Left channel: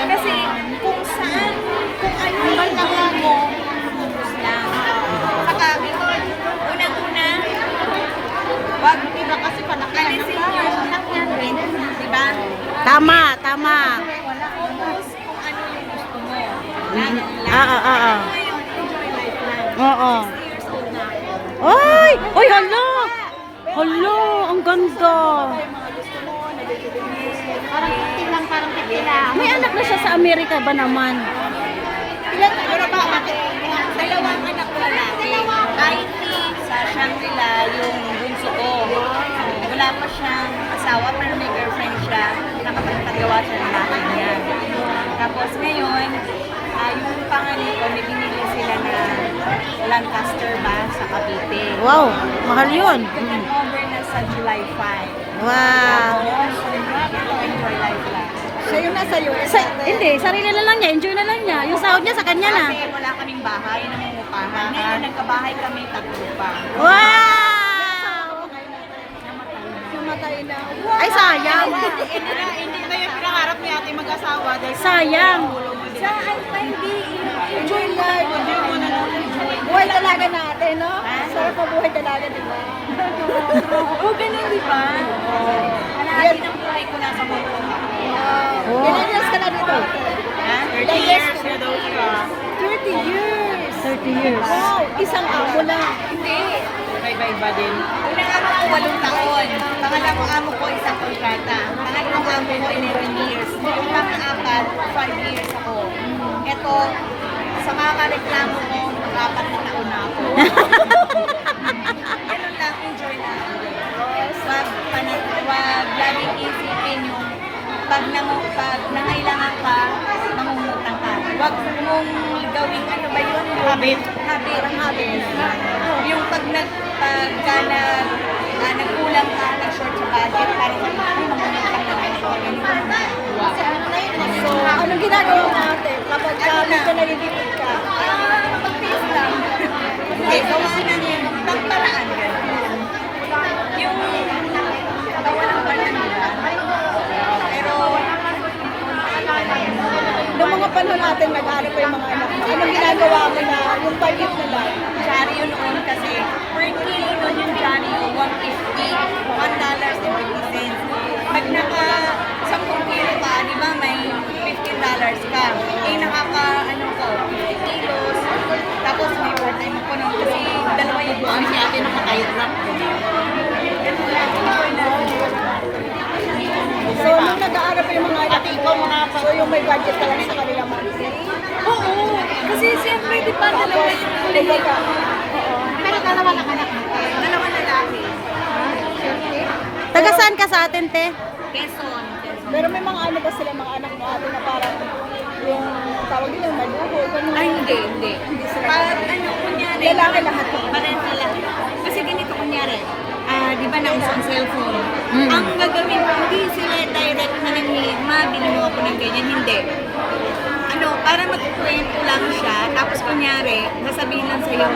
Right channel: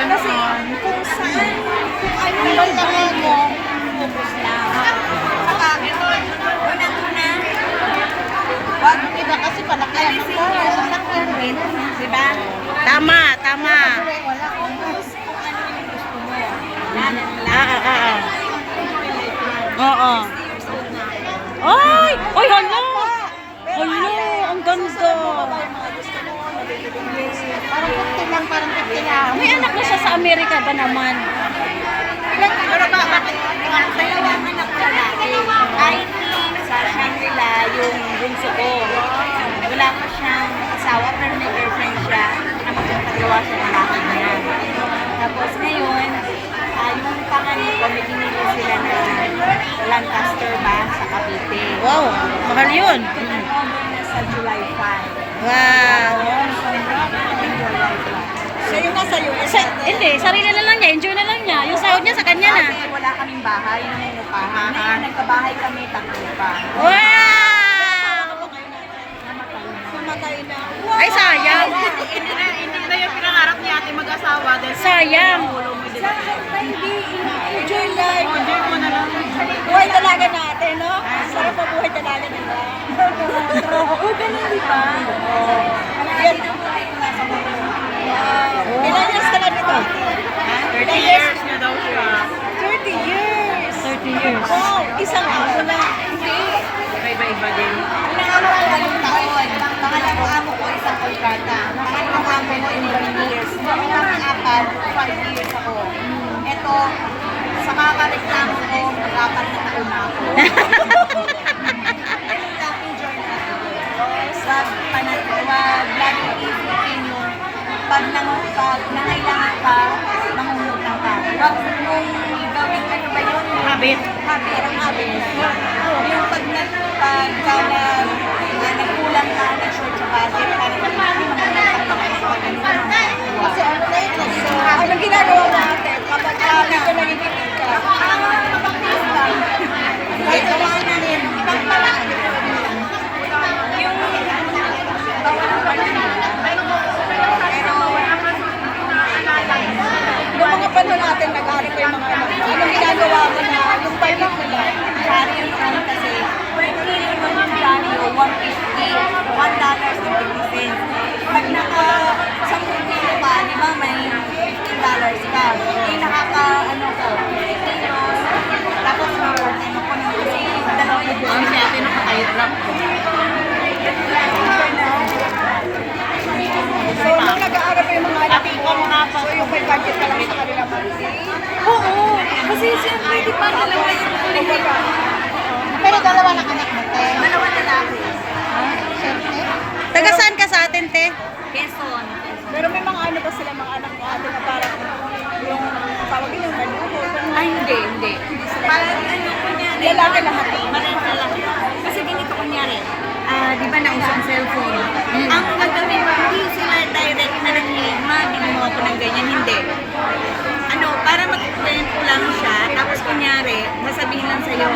Kasi kung saan, kung ano yung mga mo, focus lang. Saka, unang-una, wag kita kasi palakayan ng mga sasakyan rin, di ba? Tama, tama. Focus kung ano yung gusto mo. Lalo. Ah, ah, ah, ah. Lang. Oo. Na ako. Ay! Uy, hala! Hala, ang ganda. Parang 15 lang, parang 15 lang. May anak na siya sa Amerika ba naman? Ilan, ano ba, dalawang anak ko lalaki. IT sa Shangri-La, yung bunso ko. Wala pa siyang asawa, pero may girlfriend siya. Nakapagpagawa siya ng bahay niya. Tapos ngayon, ah, yung pangalan ko, may binili sila na Lancaster ba sa Cavite. Wow, mahal yun. Turn over na sa July 5. Wow. Siya yung nasa US. Sa, hindi, sarili na lang niya. Enjoy na lang niya. Yung sahod niya sa kanya na. Kasi wala kaming bahay, nangungupahan. Ngayon, nagkabahay kami, tatlo pa. Wow! Namatay na. Ay, sayang. Hindi na yung pinangarap ni ate mag-asawa dahil Sayang. Sa hindi, enjoy life. Na. Buhay talaga natin, no? Sarap po buhay talaga natin. Oo, ganun di ba? Kalahati ng buhay ko nasa mundo. Ilan years ka na dito? Ha? 30 years na daw siya. 30 years. 30 years. Wow, isang ako na. Hindi. Iba-iba din. Unang amo ko, walong taon. Pangalawang amo ko, isang kontrata. Pangalawang amo ko, in 3 years. Yung pang-apat, 5 years ako. Ito, sa kakareklamo ko, mag-apat na taon ako. Ganun lang, enjoy na. Wag, panit, wag, laging isipin mo, pag, nang, pag nangailangan ka, mangungutang ka. Wag mong gawing ano ba yun? Habit. Habit, ang habit. Yung pag nag, pag ka nag, ah, nagkulang ka, nag-short sa budget, parang mangungutang na ang mga Kasi ano na yun? Anong ginagawa mo ate? Kapag ka medyo nalilipid ka. Ah, mapagpulis lang. Kahit gawa na rin, ibang paraan. Yung bawal ko lang Pero, Panahon natin, nag-aaral pa yung mga anak. Anong ginagawa mo na? Yung mo na? Jolly yun noon kasi, per kilo nun yung Jolly yun, 150, 1 dollars and 50 cents. Pag naka 10 kilo ka, di ba, may 15 dollars ka. Eh, nakaka, ano ko, 50 kilos. Tapos may overtime ako nun kasi dalawa yung buwan. Si ate nakatayo trap ko. Ganun lang, enjoy lang. So, nung nag-aaral pa yung mga anak mo, so yung may budget ka lang sa kanila monthly. Oo, kasi siyempre, di ba, dalawa yung Pero dalawa na anak mo, te. Dalawa na lalaki. Taga saan ka sa atin, te? Quezon. Pero may mga ano ba sila mga anak mo ate na parang yung tawag yun yung manuho. ganun. Ay, hindi, hindi. Parang ano, kunyari. Lalaki lahat. Parang lalaki. Kasi ganito kunyari. Ah, di ba nauso ang cellphone? Ang gagawin hindi sila direct na bigyan mo ako ng ganyan, hindi. Ano, para magkwento lang siya, tapos kunyari, nasabihin lang sa'yo,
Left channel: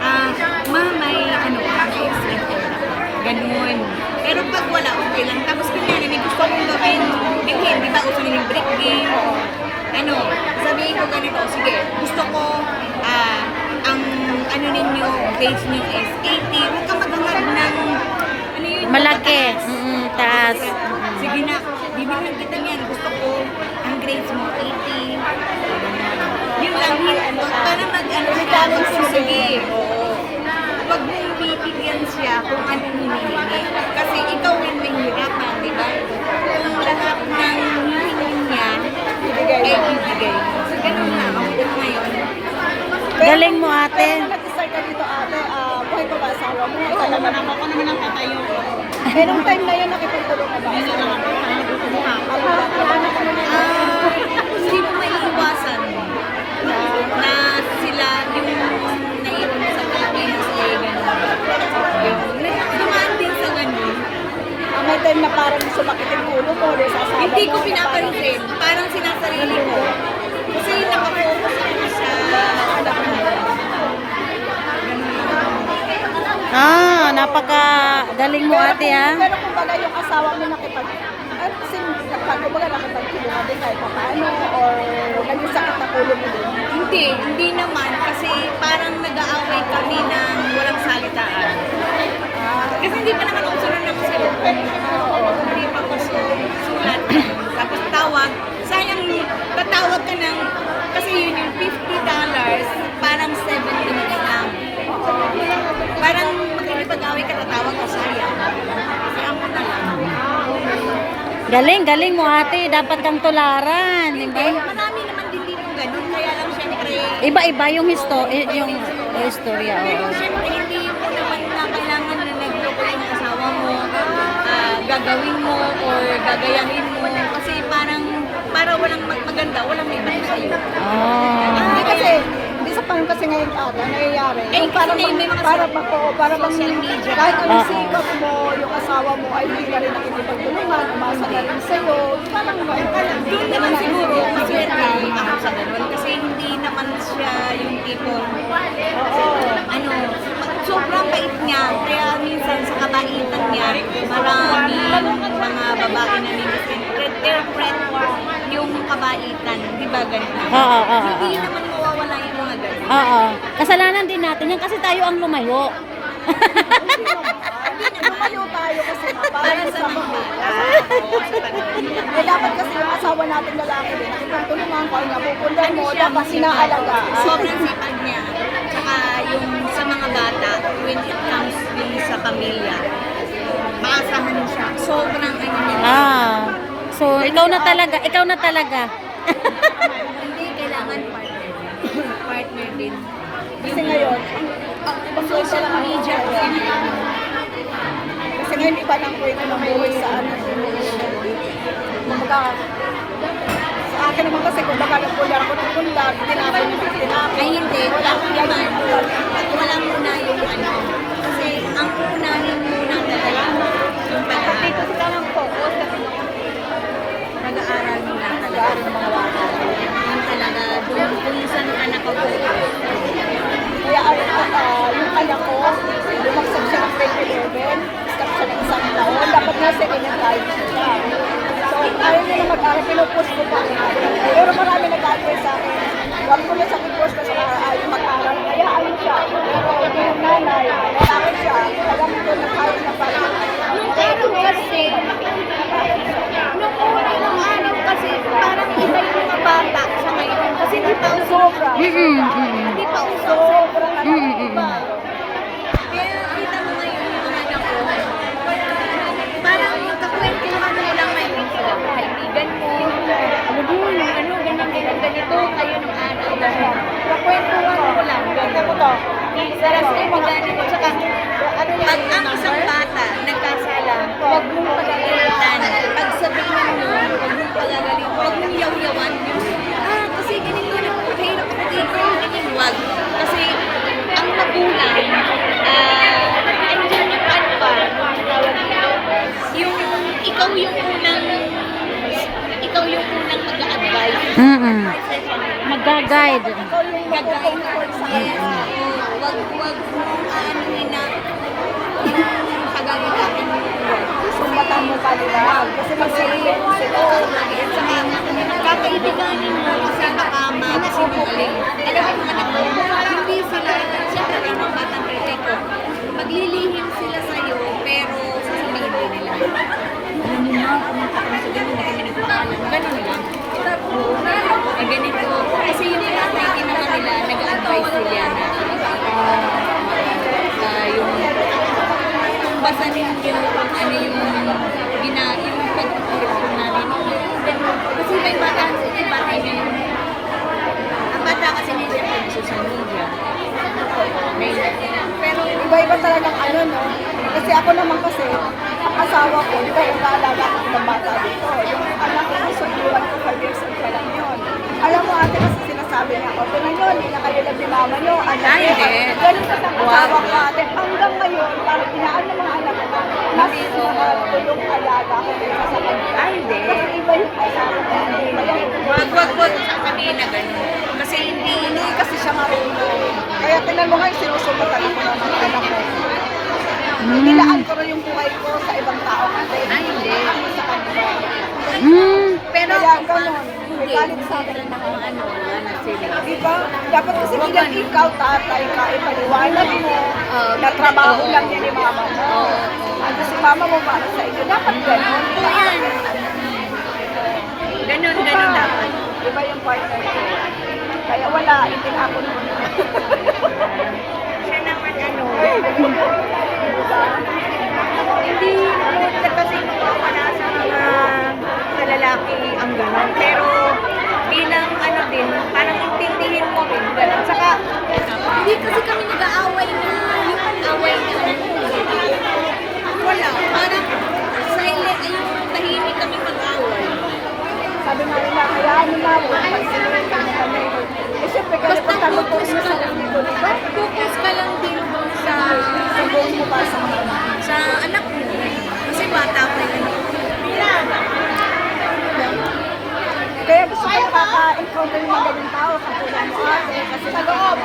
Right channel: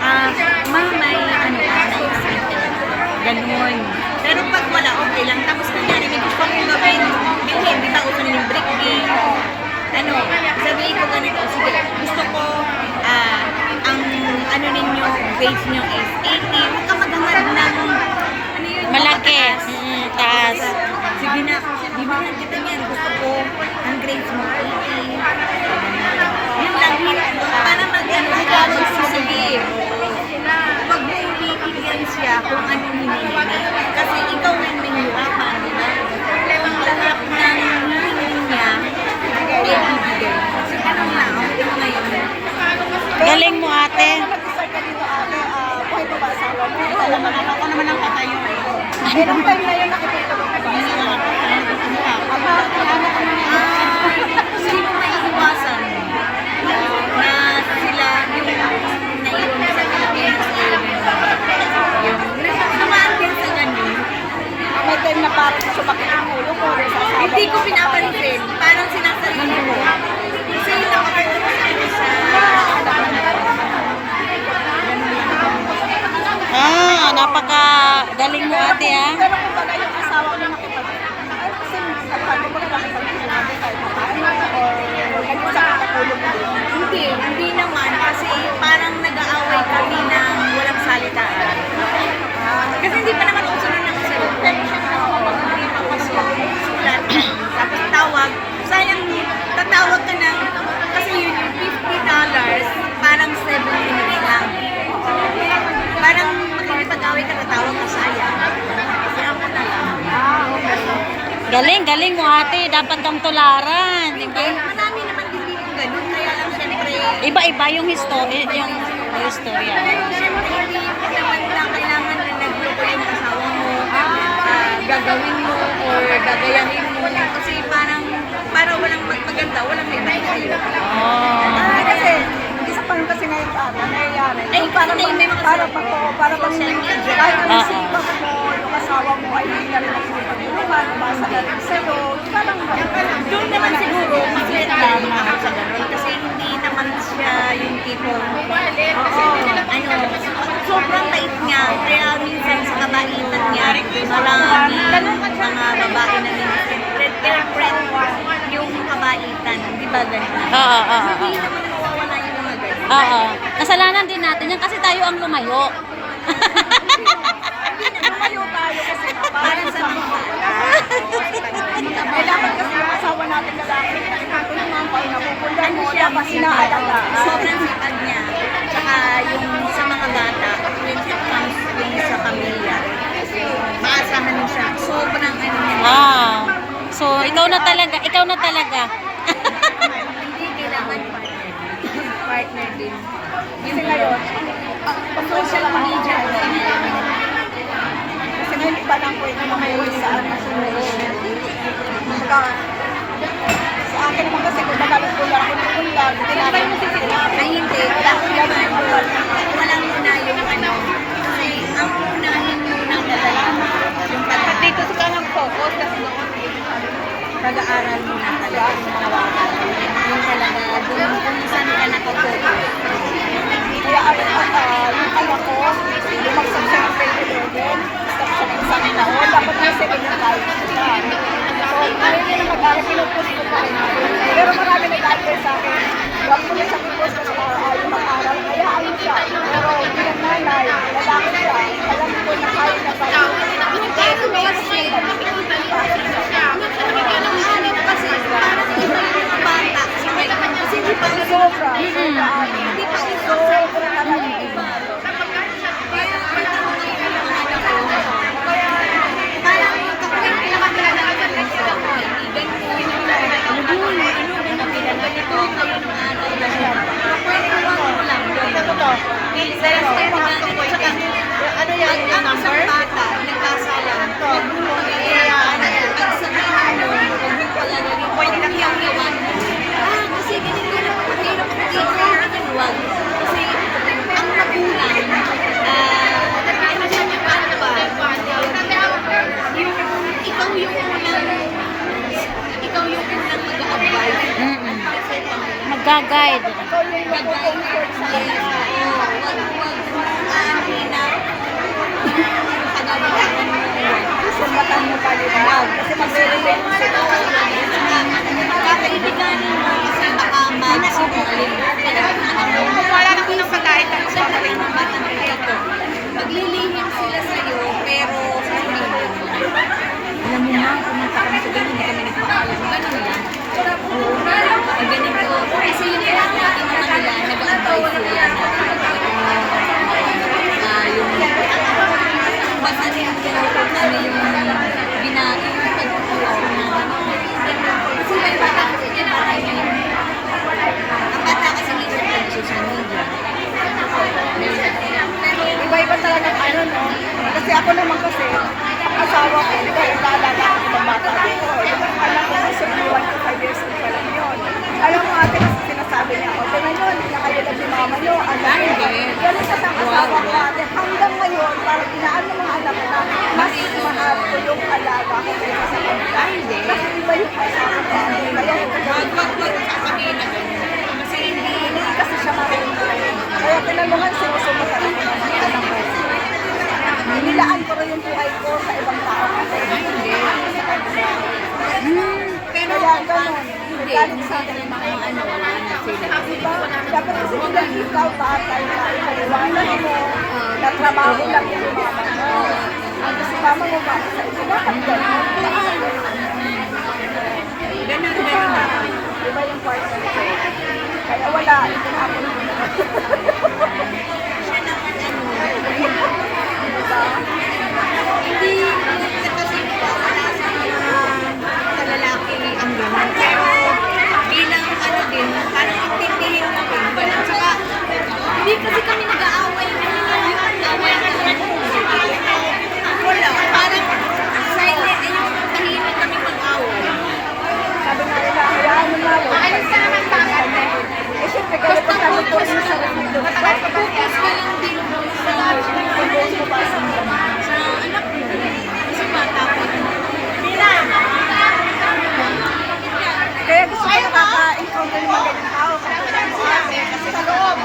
ah, ma, may ano. Ganun. Pero pag wala, okay lang. Tapos kunyari, may gusto kong gawin, bilhin, di ba, uso na yung brick game, ano, sabihin ko ganito, sige, gusto ko, ah, ang ano ninyo, grades nyo is 80, huwag ka ng, ano yun? Malaki. mataas. Mm, taas. Sige na, bibilhin kita niyan, gusto ko, ang grades mo, 80. Yun lang, yun. Para mag-ano ka, magsisige. Huwag mo bibigyan siya kung ano hinihingi. Kasi ikaw ang mahirapan, di ba? Kung lahat ng hinihingi niya, ay bibigay. So, ganun na. Okay mo ngayon. Galing mo, ate. Nag-start ka dito ate, buhay ko ba asawa mo? Ito naman ako. Ako naman ang patayo. Eh, nung time na yun, nakikita ko? Hindi na ako. Gusto mo ha? Hindi mo maiiwasan na sila yung naiwan mo sa Pilipinas eh. Yung naman din sa ganun. May time na parang sumakit ang ulo ko. or sa Hindi ko pinapansin. Parang sinasalino ko. Kasi nakapagpapos ako sa Ah, napaka galing mo, ate, ha? Pero kung baga yung asawa ko na nakipag... Kasi sabi ko na nakipag-sinabi kahit paano or Galing, galing mo ate. Dapat kang tularan. Di Hindi, ba? marami naman din dito ganun. Kaya lang syempre, Iba-iba yung history, yung istorya. pero syempre hindi mo naman na kailangan na nagluto yung asawa mo, ah, gagawin mo or gagayahin mo. Kasi parang, para walang magpaganda, walang may sa'yo. Oh. Ah, kasi, isa pa rin kasi ngayon ata, nangyayari. Ay, yung para matoo, para pag social media. Kahit ang Oo. sikat mo, yung asawa mo, ay hindi na rin nakikipagulungan, masalarin sa'yo. Parang Doon naman siguro, mas tama. Kasi hindi naman siya yung tipo, ano, sobrang bait niya. Kaya minsan sa kabaitan niya, marami mga babae na nag-friend yung kabaitan. Di ba ganun? Oo, oo, Hindi oo. naman mawawala yung mga ganun. Oo. Kasalanan din natin yan kasi tayo ang lumayo. Sa mga Eh, dapat kasi yung asawa natin lalaki, pinagpatulungan ko, napupunta ano siya, masipag. inaalaga. Sobrang sipag niya. Tsaka yung sa mga bata, when it comes yung sa pamilya, maasahan mo siya. Sobrang ano niya. Ah. So, ikaw na talaga, ikaw na talaga. Hindi kailangan partner. partner din. Kasi ngayon, Social media ngayon. iba ng kwento ng buhay sa ano. Kumbaga, sa akin naman kasi kung magkakukular ko ng mo tinagal. Ay hindi, ako naman, wala muna yung ano. Kasi ang unahin muna talaga yung pag Dito sa kanang focus kasi noon pag-aaral muna talaga. Yung talaga, doon kung saan ka nakafocus. Kaya ano, ah, yung anak ko, lumaksag siya ng 2011, stop siya ng isang taon, dapat nasa kinakain siya. Ayaw niya na mag-aaral, pinupost ko pa rin. Pero marami nag-aaral sa akin. Wag ko na sa pinupost ko sa ayaw mag-aaral, kaya ayun siya. Pero yung nanay, lalaki siya, alam ko na kahit na tayo. Pero kasi, ano kasi, parang iba yung bata sa ngayon. Kasi hindi pa uso. Sobra. Mm-mm. Hindi pa uso. Sobra na Mm-mm. Kaya kita mo ngayon yung mga anak ko. Parang kakwento naman nila ng mga kaibigan ko. Ano ba ano, ganun, ganun, ganito, kayo ng ano. Kwento lang. Sa kaibigan, at saka, Ano yan, yung number? bata, nagkasala, huwag mo pagkakailan. Pag sabihin mo, huwag mo pagkakailan, huwag mo yaw-yawan. Ah, kasi ganito na mahirap ako dito. Huwag. Kasi ang magulang, eh, ano siya yung ano, yung ikaw yung unang ikaw yung unang mag-advise. Mm-mm. Mag-guide. Gagay. Yes. Wag, wag, aanin na pagagalakan mo. Sumbatan mo pa nila. Kasi mag-relate mo sila. Kakaibigan mo kasi baka. Alam mo, anak mo, wala na ko ng pagkain ka sa mga mga bata na ito, maglilihim sila sa'yo, pero sasabihin din nila. Alam mo ma, pumunta kami sa ganun, hindi kami nagpaalam. Ganun lang. Pag ganito, kasi yung tinatay din naman nila, nag-advise sila na ah, ah, yung basta ninyo kung ano yung gina, yung pagpupulot namin. Kasi may bata kasi may bata niya yung ang bata kasi nito yung social media. Pero iba-iba talaga ang ano, no? Kasi ako naman kasi, asawa ko, di ba, yung naalala ko ng bata ko. Yung anak ko, sa buwan ko, 5 years old pa lang yun. Alam mo, ate, kasi sinasabi niya, okay na yun, hindi na kayo na mama niyo, ano Ah, hindi. Ganun sa sang Wow. natin. Hanggang ngayon, parang inaan ng mga anak na, mas mahal ko yung alaga ko kaysa sa kanila. Ah, hindi. Kasi iba yung asawa ko. Wag, wag, wag sasabihin na ganun. Kasi hindi, hindi kasi siya marunong. Kaya tinan mo nga, sinusubukan ko ng mga anak ko. Nilaan ko rin yung buhay ko sa ibang tao kasi Ah, hindi. sa kanila. Mm. Pero Kaya ganun, hindi, hindi sa na ano, sila. Diba? Dapat kasi bilang ikaw, tatay, na ipaliwanag mo, na trabaho lang yan ni mama mo. At si mama mo para sa iyo. Dapat ganun. Ganun, ganun dapat. Diba yung ko? Kaya wala, na ako naman ano, hindi mo kasi wala sa mga kasi kami nag-aaway. Yung away na Wala. Parang silent, yung tahimik kami mag-away. Sabi mo na. Aalis ka naman sa akin. Eh, Basta focus ka lang. Focus ka lang din sa sa anak mo. Kasi bata pa yun. Kaya gusto ko makaka-improve yung mga ganyan. Kasi sa loob,